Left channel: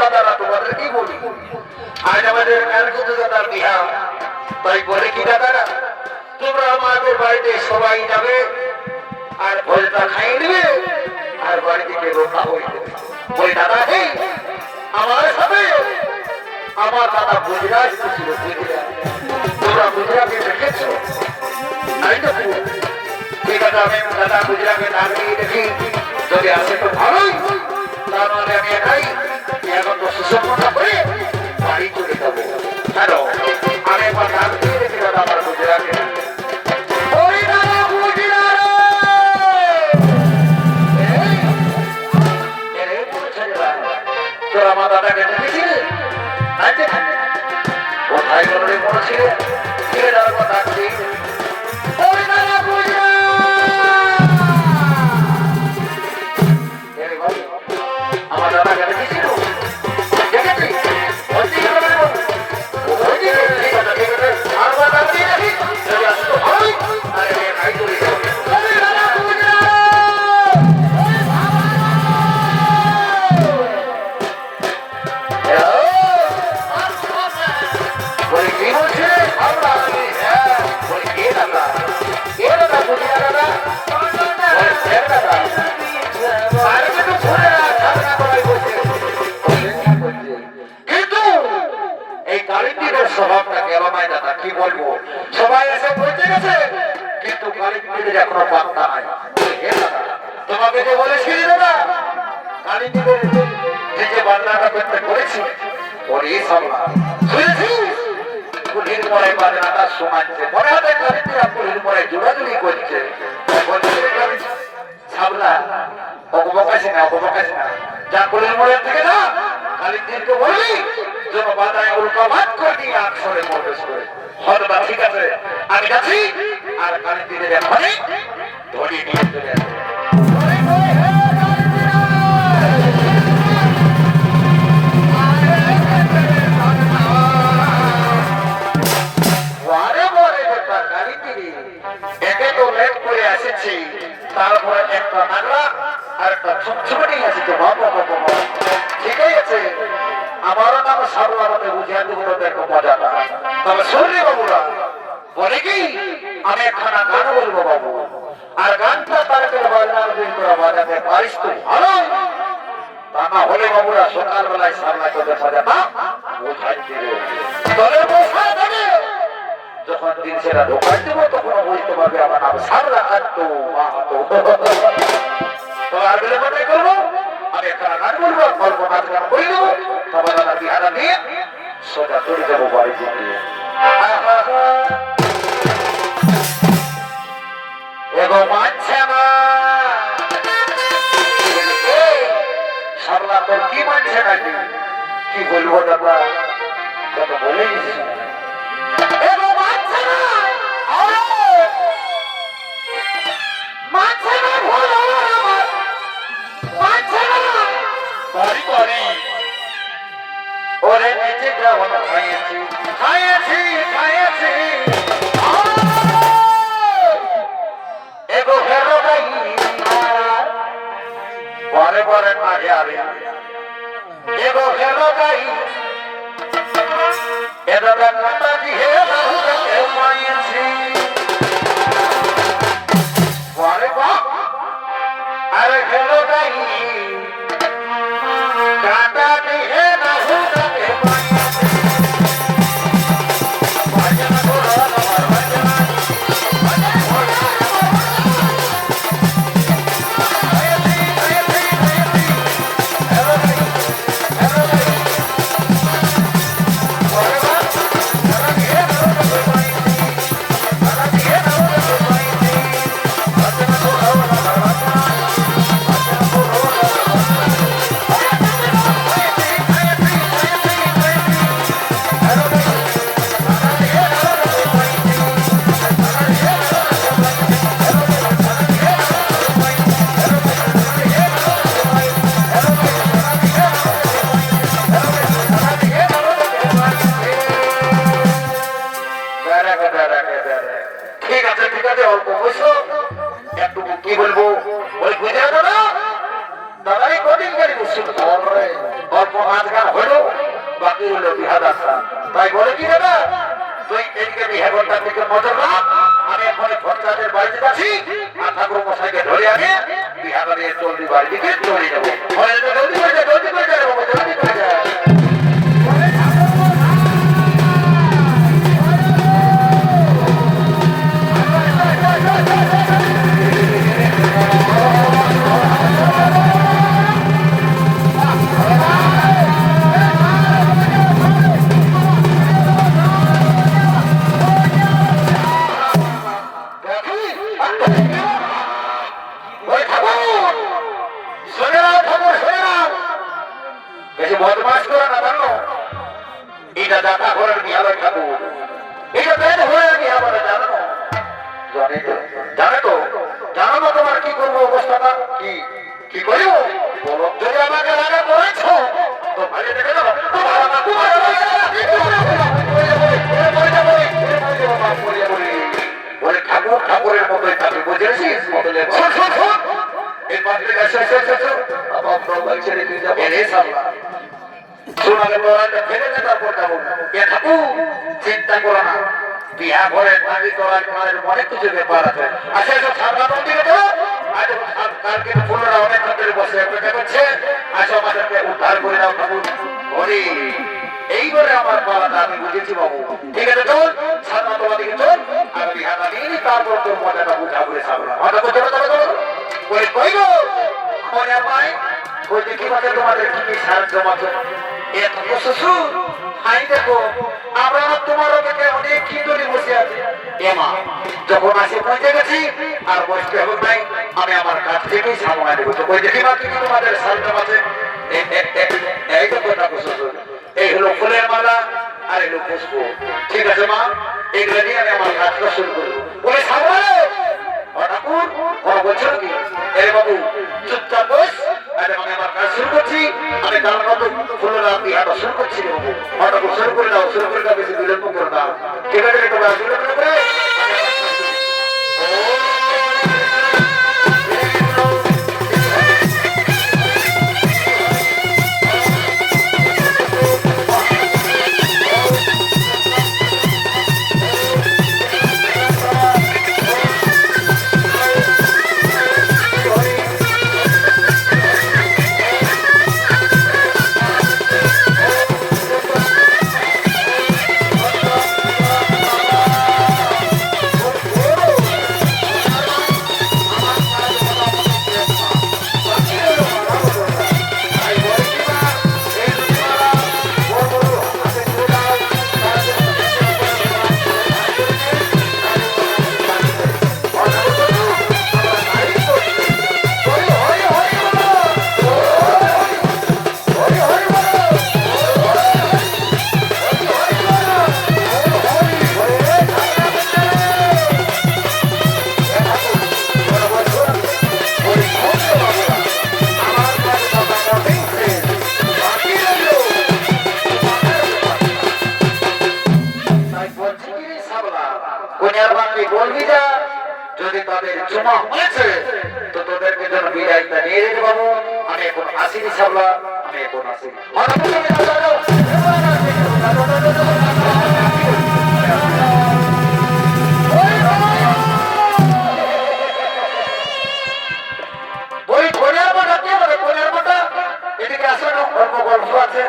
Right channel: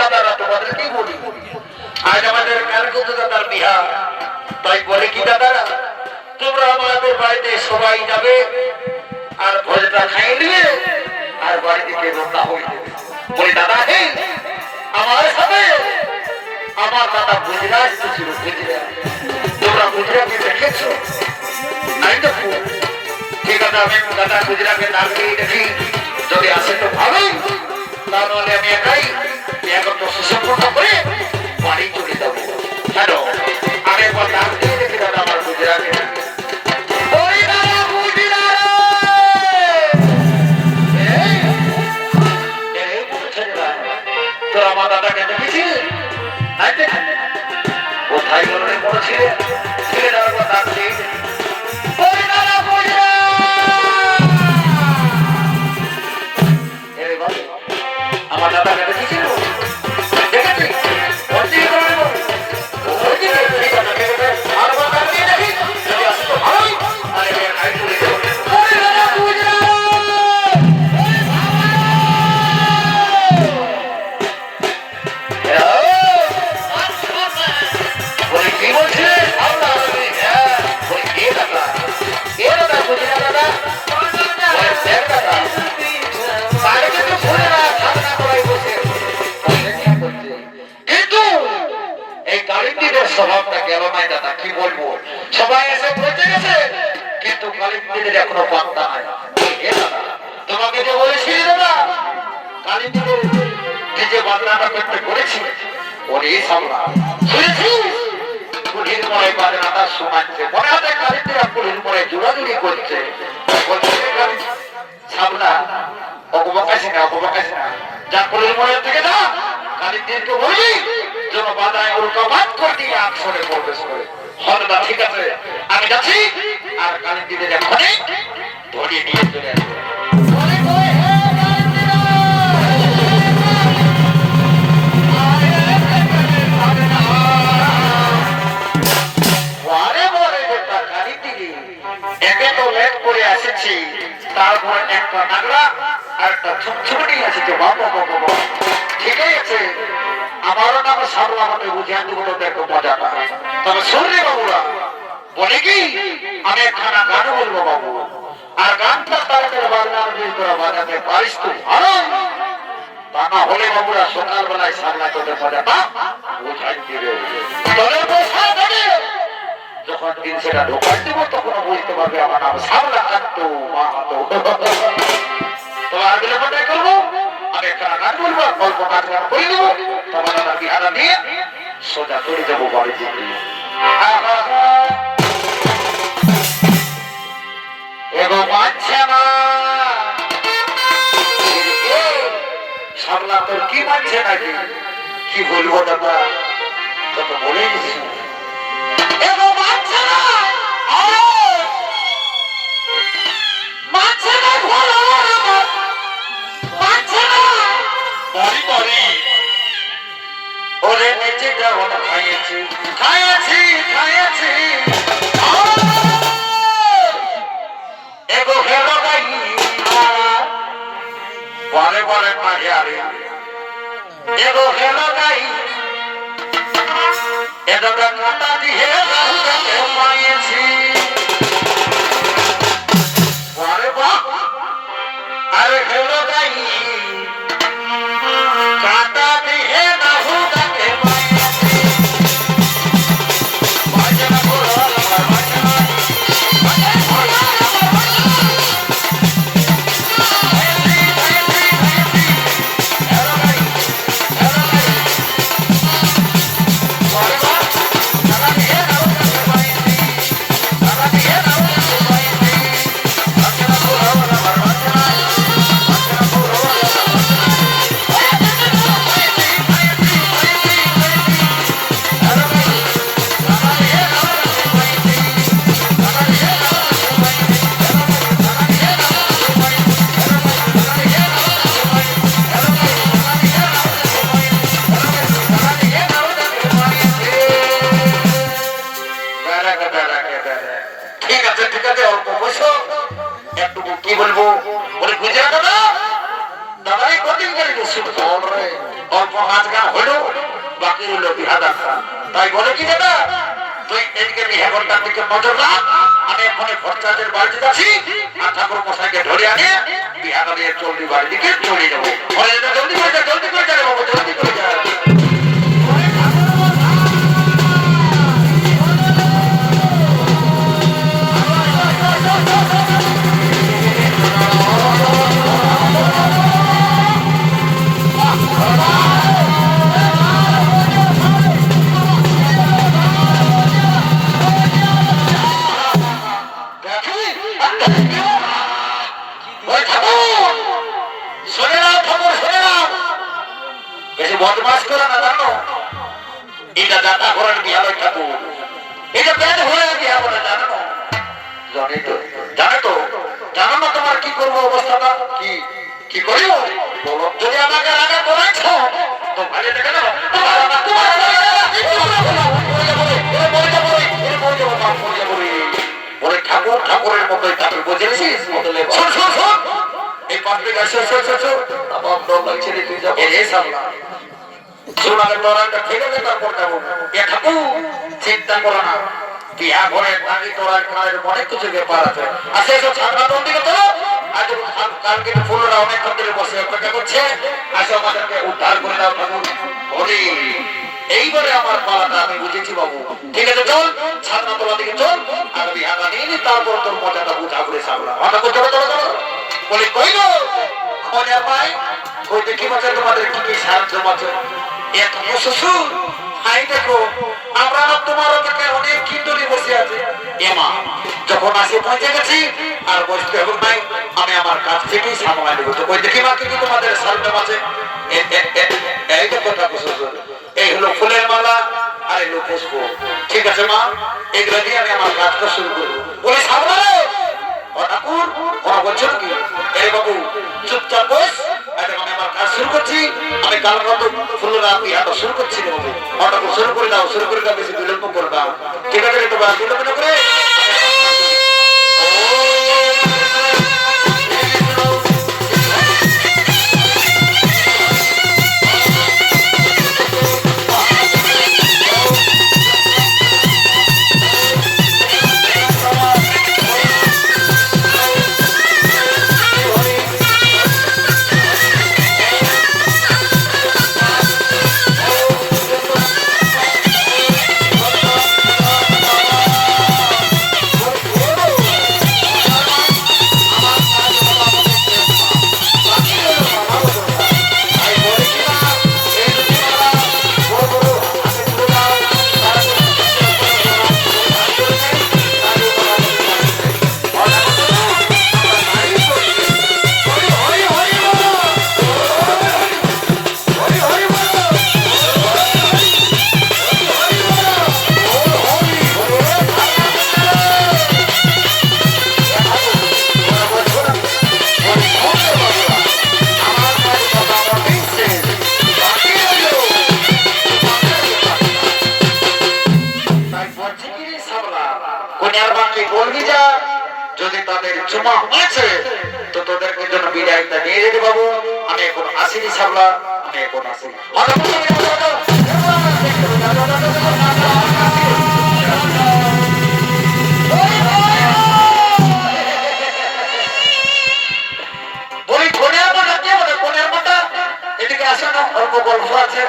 দাদারা তোমাদেরকেই বলি, আজ আমাদের কারকুদ দাদার বিহা, তাই বলে কি দাদারা তোমরা আমাদের বাড়িতে সবাই যাবে আর ভোজটা খাই নিবে আর বাড়ি থেকে রোনা হয়ে যাবে। বলি দাদা হে আমার সাথে আমার দাদা গুজরাট ছিল, গুজরাট তোমরা গুজরাটে দেখেছো? নাই দেখো ঠিক আছে, আমি দাদা গুজরাটে নাম দিয়ে দেখি, যদি আসে তো ভালোই, তাহলে আমি একাই এখন তো সুসম্পন্ন করে বাড়ি চলে যাবো। কেন আমি একবার নাম দিয়ে দেখি দাদা আমার গুজরাটে। তোর আমার দাদাকে দেখেছিলি? কোথায় মনে পড়েছিল? আমার দাদাকে দেখেছিল? স্বভাবটা গেল নাই দাদা, কি বলবো, সবাই এসে পৌঁছে গেছে কিন্তু কালীপীঠের এখনো পাত্তা নাই। তোমাকে যে বলেছি দাদা কালীপীঠের যে বাংলাটা করতে করেছি ওরই সামলা শুনেছিস? পুলির পরে বাজনাটা শোনাচ্ছে, মনে হচ্ছে কালীপীঠা পুলির পরে জোড়াজুড়ি করছে। সামলা অপবাকাশি না, অপবাকাশি না, যা পুলির পরে থেকে যা কালীপীঠকে বলি যেন বাজায় উল্কাপাত করে দিয়ে আসরে প্রবেশ করে। সরদা ঠিক আছে আমি যাচ্ছি, আর কালীপীঠের এখনই ধরিয়ে নিয়ে চলে আসবে। একে তো লেট করে আসেছি, তারপরে একটা নাগরা আর একটা ছুটছুটি আসছে। বাবা বাবা ঠিকই আছে, আমারও নাম সারলা আমাকে বুঝিয়ে দেবো, দেখো মজাটা। তবে শুনলি বাবুরা বলে কি আমি একখানা গান বলবো বাবু, আর গানটা তারকের বাজনার বিল করা বাজাতে পারিস তো ভালো, তা না হলে বাবুরা সকালবেলায় সামলায় তোদের মজাটা বোঝাই দিবে। তবে বসা যাবে যখন দিন সেটা ঢোকাই দেবো তখন বুঝতে পারবে আমার নাম সামলা কাটতো মাহাতো। তো আর বিলম্বটাই করবো, আমি একটা গান বলবো, গল্পটা করে দেবো, তোমার দাদা বিহারা নিয়ে সোজা চলে যাবো বাড়ি থেকে। এগো মানছে না সামলা, তোর কি মানছে নাকি? কি বলবো দাদা, যত বলে গেছি ওরে বেঁচে গ্রহণ খাইয়েছি খাইয়েছি খাইয়েছি এগো হেলো গাই পরে পরে পাহাড়ে এগো হেলো গাই এগো কাটা দিয়ে পাইয়েছি পরে বাপ আরে হেলো গাই কাটা দিয়ে বাকি রইল বিহা দেখা। তাই বলে কি দাদা, তুই এদিকে বিহা করবার দিকে নজর রাখ, আমি এখনই খরচাদের বাড়িতে যাচ্ছি, আর ঠাকুর মশাইকে ধরে আনে বিহাটা নিয়ে চলতি বাড়ির দিকে চলে যাবো। জলদি করে যা, জলদি করে যা রে বাবা, জলদি করে যা। বদমাস করা না জানো, এটা যাত্রা করার বিহার ঠাকুর, এটা বেদ হয়ে বিহার জানো না, জানে তো জানো না তোমার কি করবো অবস্থাটা, কি কি করিব বলো। যদি আমাকে রাগা বলেছ তো ভালো দেখে না, ঠাকুর ঠাকুরের মতোই ঠাকুর বুঝেছিস বদলে এই পাশে এসে এসে এসে আমার ডর লাগছে রে, তুই যাবো রে সামলা সোনাকে তোরাটা ফেলে দে, তারপর যাবো। এ ঠাকুর চিন্তা করো না, বিয়া ঘরে পানি তোরার কালের অনেক কিছু ব্যাপার আছে। আসে এসে ছাগলা মন্দিরে তো আজ কালকে ফুলরা অনেক মন্দিরে বসে অপেক্ষা করছে, আসে আমাদেরকে উদ্ধার করে দাও ঠাকুর। হরি এইবারে আমার পালাটা আমি বুঝেছি বাবু, ঠিক আছে চল ছাগলা তোলা দিকে চল, আর বিহাটা নিয়ে তারপর তোর মজাটা বুঝা করে সামলা হঠাৎ চলো চলো চলো বলে কইব মনে পাই ওই দেখি বছর তোমাদের কি কি সাহায্য আছে। এত শ্বশুর হাই দেখো, আমরা তোমার অপেক্ষা অনেক কিন্তুরি বসে আছে। এমা যখন আসে পৌঁছে গেছি আর বসতে হবে নাই, আমি আমার কাছ থেকেই সামলা দেবো। ওই দেখি বাকি কি তোমাদের সাহায্য আছে। এই দেখো শ্বশুর, এই হলো ফুলের মালা আর এই হলো পুষ্প, ঠিক আছে মা, এগুলো দিয়ে আমি আমার কাজটা শুরু করবো। বলে সামলা ঠাকুর ওরা বলছে নাকি, এর বাবু চুপচাপ বস, আমি আমার কাজ শুরু করছি, আমি কাল মতো ফুলের রাতি আবার শুরু করছি ঠাকুর, শুরু করে দাও, শুরু করে দাও, বেশি বিলম্ব করে দাও, ঠিক আছে তোমার বিলম্ব না করে বলবি যা, যদি তাদের জমা হয়েছে তো তোদেরকে জন্য বিদায়টা নিয়ে যেতে পাবো। আমি এখন আসিনি সাবলা, আমি এখন আসি। বলি কোনের মাটা কে বলে, কোনের মাটা এদিকে আসো না, অল্প গল্প আছে।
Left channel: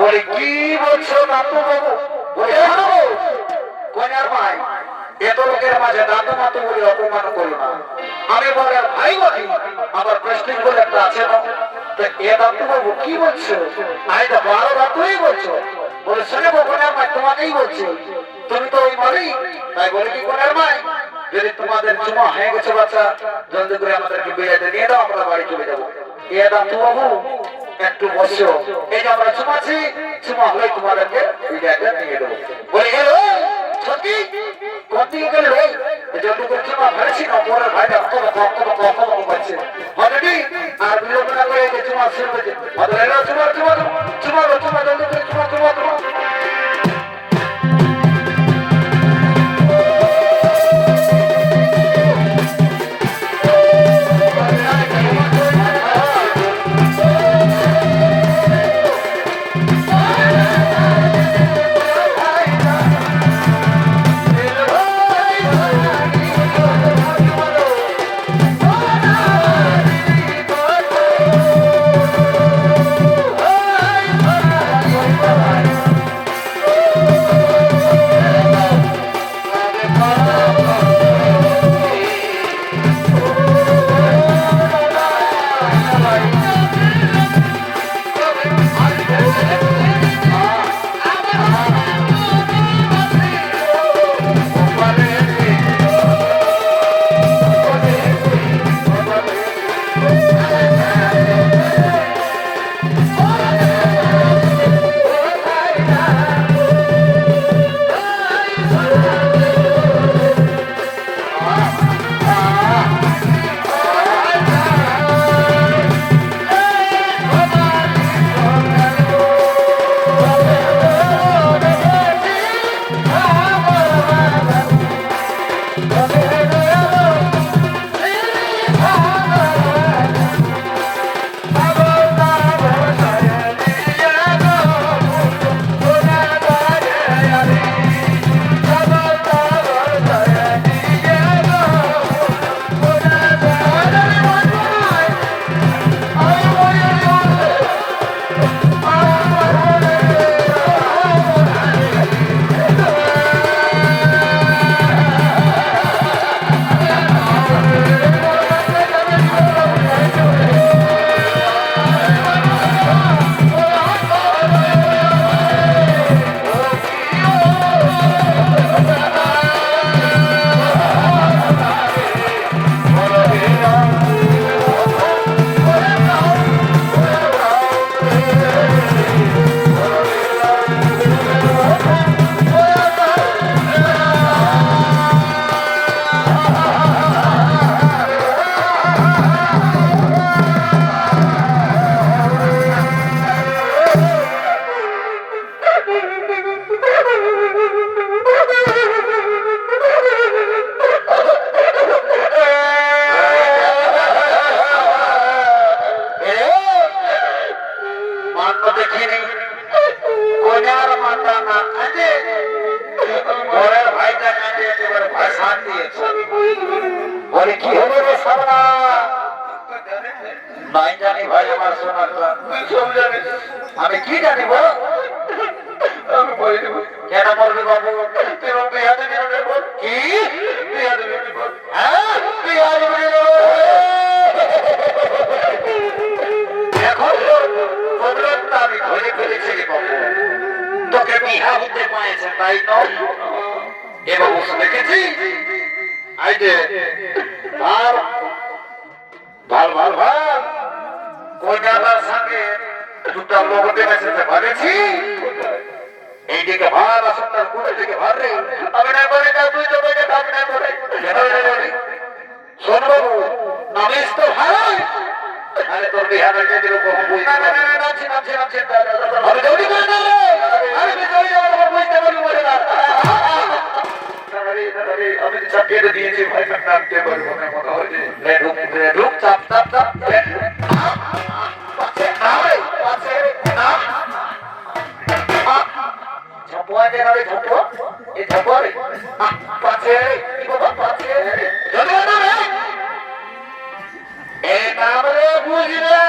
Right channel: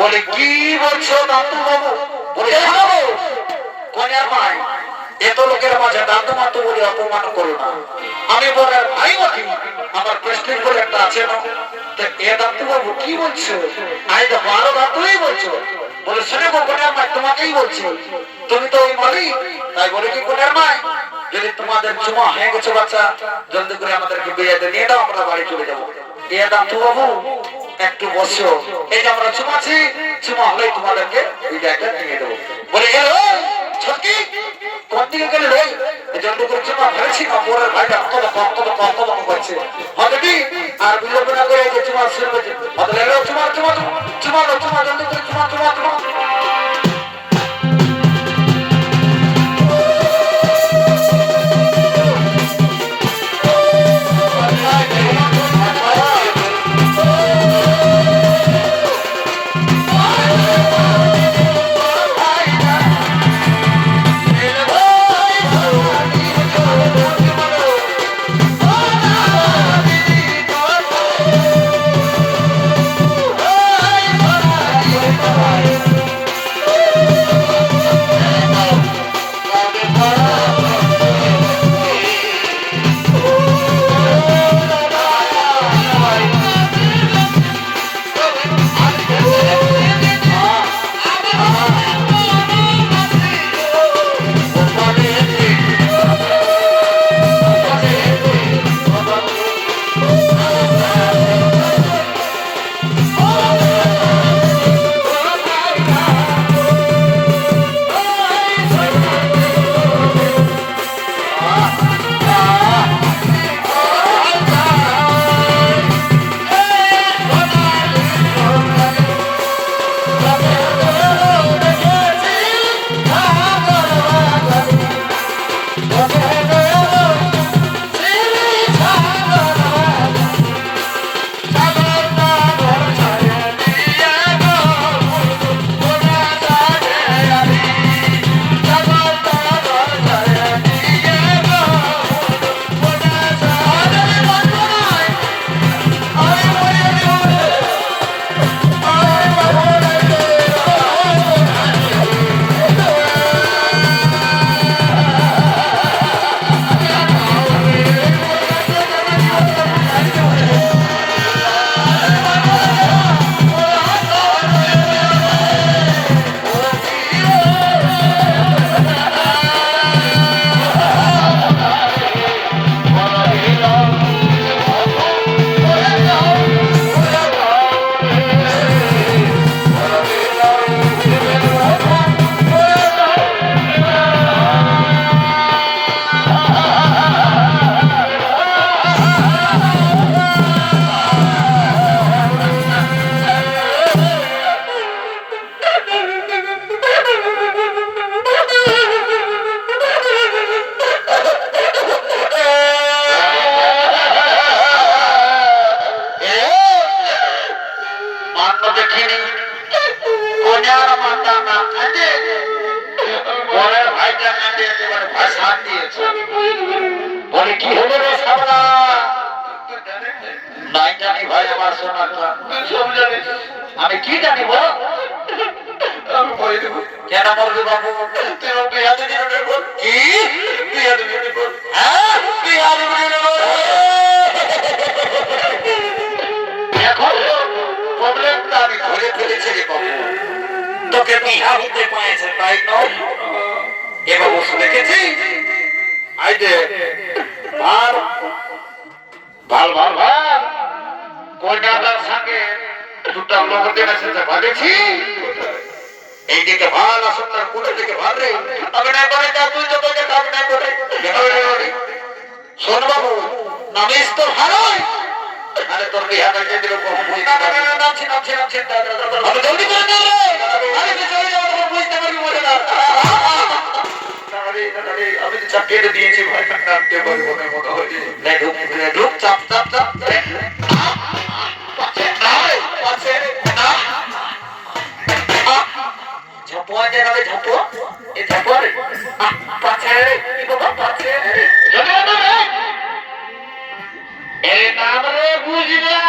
বলি কি বলছো দাদু বাবু, বলে কোনের ভাই এত লোকের মাঝে দাদু মাতু বলে অপমান করো না। আমি বলে ভাই বাকি আমার প্রেস্টিজ বলে একটা আছে না, তো এ দাদু বাবু কি বলছো, আমি তো বড় দাদুই বলছো। বলে শুনে কোনের ভাই তোমাকেই বলছি, তুমি তো ওই মারি। তাই বলে কি কোনের ভাই, যদি তোমাদের চুমা হয়ে গেছে বাচ্চা, জলদি করে আমাদেরকে বিয়েতে নিয়ে দাও, আমরা বাড়ি চলে যাবো। এ দাদু বাবু একটু বসো, এই যে আমরা চুমাছি, চুমা হলে তোমাদেরকে বিয়েতে নিয়ে দেবো। বলে গেল ছকি কোন দিকে গেলে রে, জলদি করে চুমা ফেলেছি না, মোরের ভাইটা কত করছে হবে কি, আর বিলম্ব না করে যে চুমা শুরু করছে, চুমা চুমা চুমা চুমা জলদি করে চুমা চুমা চুমা। Oh! তো দেখিনি কন্যার মাতা না কাঁদে বরের ভাইটা কাঁদে একেবারে ভাষণ দিয়েছে বলে কি হলো রে সাবলা নাই জানি ভাই আমার সোনাটা সব জানি আমি কি জানি বল আমি বই দেব কেন মরবে বাবু তুই বিয়া দিবি বল কি বিয়া দিবি বল হ্যাঁ বিয়া দিবি এখন তো প্রবলেমটা আমি ধরে ফেলেছি রে বাবু তোকে বিয়া হতে পাইছে তাই নয় এবার বসে দেখেছি আইডে আর ভাল ভাল ভাল কন্যাটার সঙ্গে দুটা লোকদের সাথে ভাগেছি এইদিকে ভাল আসলে কোন দিকে ভাল রে আমি না করে যাও তুই যত যে কাজ না করে শোন বাবু নামিস তো ভালো আরে তোর বিহারে যে দিল কোন বুঝতে পারবি না নামছি আরে জলদি করে না রে আরে চলে যাও তো বুঝতে পারবি বলে না আরে আমি চাপিয়ে দিয়েছি ভাই নামতে পারবো না মনে হয় ঢুক চাপ ঝাপোয়া জায়গায় ঝাপো এই ঝাপোরে পাছে কি বাবা পাছে জলদি রে এ নাম রে বুঝিয়া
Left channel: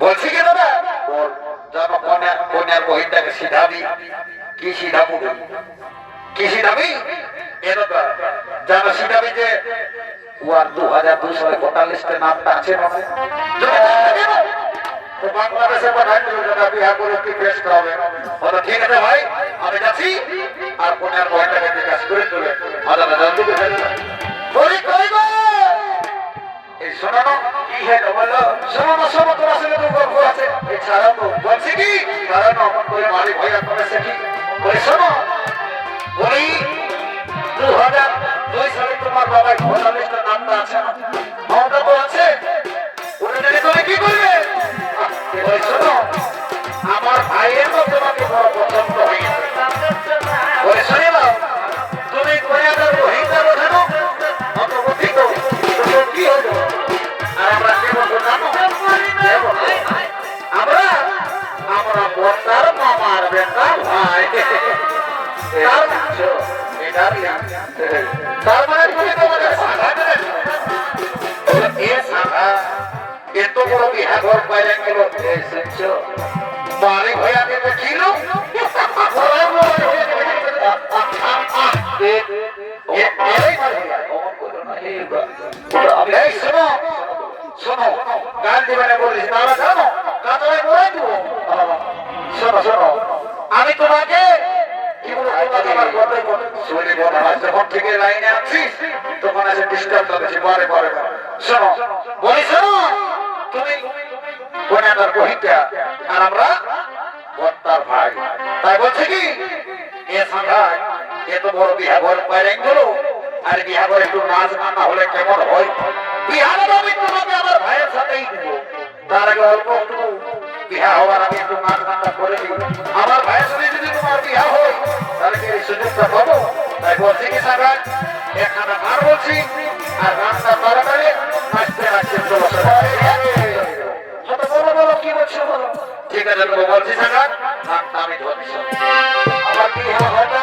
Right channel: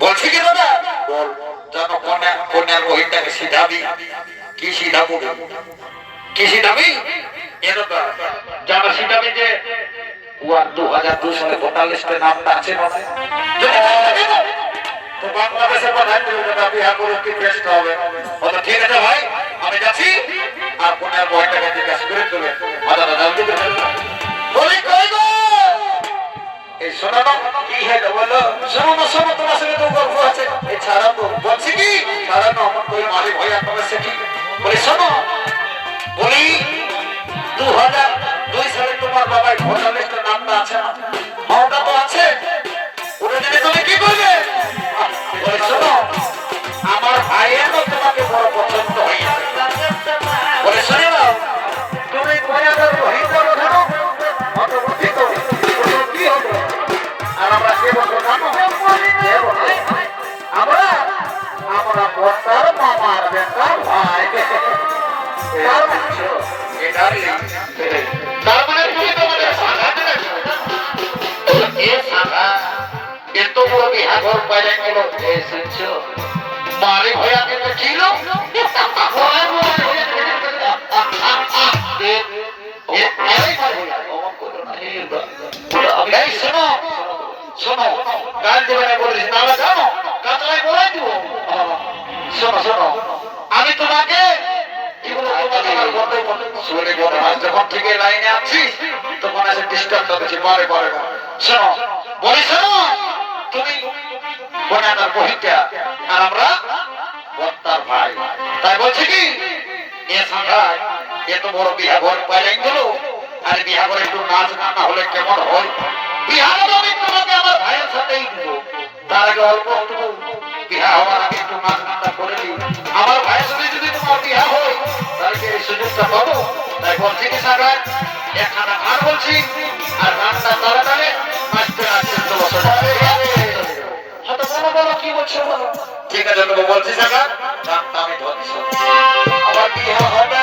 বলছি কি দাদা বল জানো কন্যার বহিনটাকে সিধাবি কি সিধাবো কি সিধাবি এরকম জানো সিধাবি যে ওয়ার 2242 নামটা আছে না তো বাংলাদেশে পাঠাই দিল দাদা বিয়া করে কি টেস্ট হবে বলো ঠিক আছে ভাই আমি যাচ্ছি আর কন্যার বহিনটাকে জিজ্ঞাসা করে চলে দাদা জলদি করে বলি কই গো এই শোনো কি হলো বলো শোনো তোমার সঙ্গে তো গল্প আছে এছাড়া তো বলছি কি কারণ আমার তো মালিক ভাইয়া করেছে কি বলে শোনো বলি 2002 সালে তোমার বাবার ভোটার লিস্টের নামটা আছে না ওটা তো আছে ওটা জেনে তুমি কি করবে বলে শোনো আমার ভাইয়ের তো তোমাকে বড় পছন্দ হয়েছে বলে শোনো তুমি করিয়াদের বহিটা ওঠানো অত বুদ্ধি তো কি হবে আর আমরা কে বলবো জানো আমরা বর্তার মামার বেটা ভাই তার মানে তুমি তোমাদের সাদা এ সাদা এত বড় বিহা ঘর পাইলে গেল এসেছো বাড়ি হয়ে আমি দেখিল শোনো গান দেবে বলিস তাহলে জানো কাতলায় বলে দিব শোনো আমি তোমাকে যখন থেকে লাইনে আছি তখন আছে ডিস্টার্ব করেছি বারে শোনো বলি শোনো তুমি কন্যাদার বহিটা আর আমরা বর্তার ভাই তাই বলছে কি এ সংখ্যায় এত বড় বিহা ঘর পাইলেন গেল আর বিহা ঘরে একটু নাচ না হলে কেমন হয় বিহা আমি তোমাকে আমার ভাইয়ের সাথেই দিব তার আগে অল্প বিহা হওয়ার আগে একটু নাচ গানটা করে দিই আমার ভাইয়ের সাথে যদি তোমার বিহা হয় তাহলে সেই সুযোগটা পাবো তাই বলছি কি সাগর একখানা গান বলছি আর গানটা তাড়াতাড়ি নাচতে বলো কি বলছো ঠিক আছে তুমি বলছি সাগর গানটা আমি ধরছি আমার বিহা হবে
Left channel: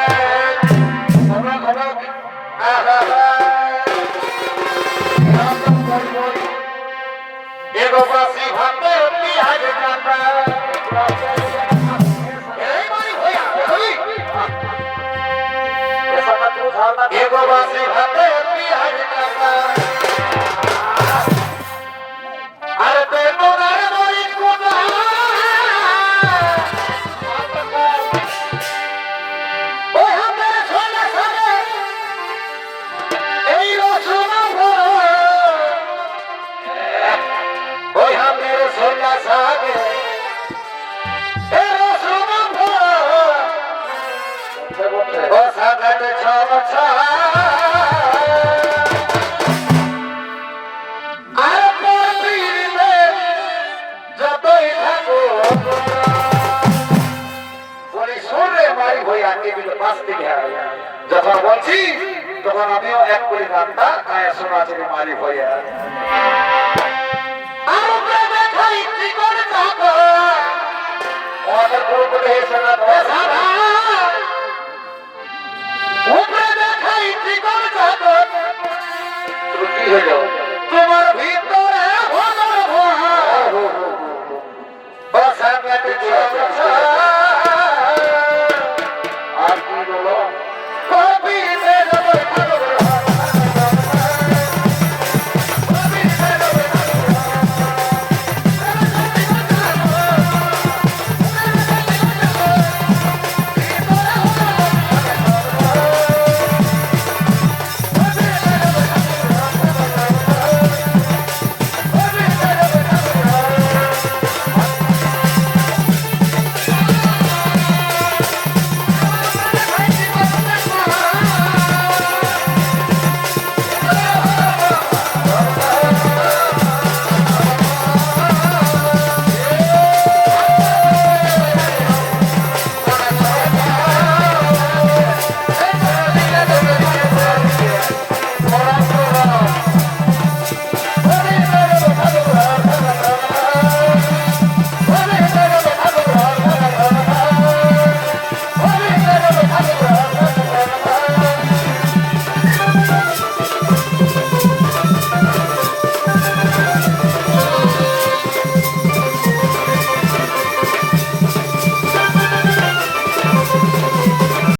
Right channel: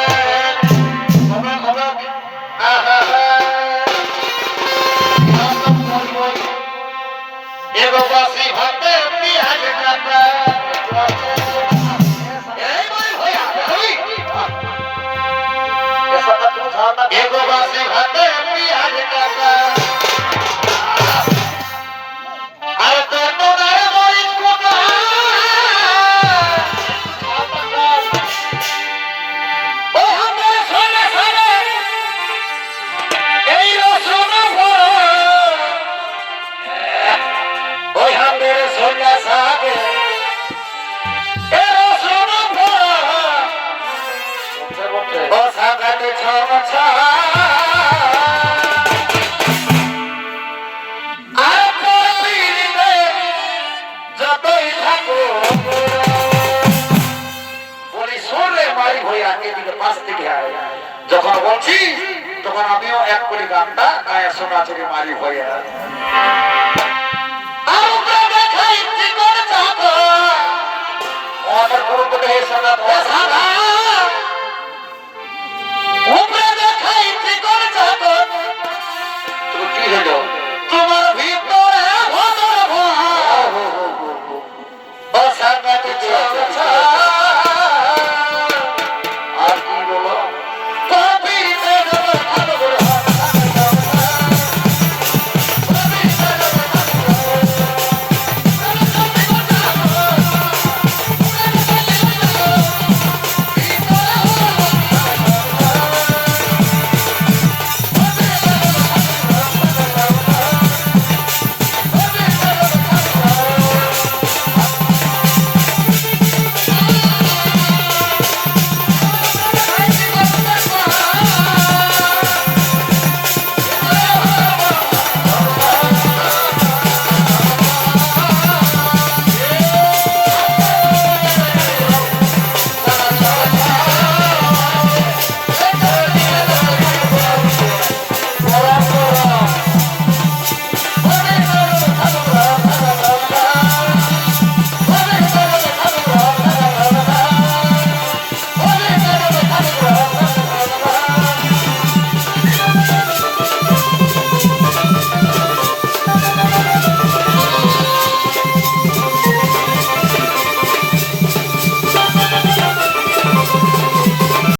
এগোবাসী ভাতে বিহারে কাটা এই ভাই হইয়া एगो बासी भाते पियाज काका अरे ते मोदारे मोरी कोटा ओ हमें सोने सारे এই রসনা ভরা ওই হাতের সোনা সাগে এই রসনা ভরা ও সাগাতে ছড়া ছড়া আর পীড়িতে যতই থাকো বলি সুরে মারি হইয়া এদিকে পাশ থেকে যখন বলছি তখন আমিও এক করে গানটা গায়ে শোনা চলে মারি হইয়া আমাদের পুরো করে শোনা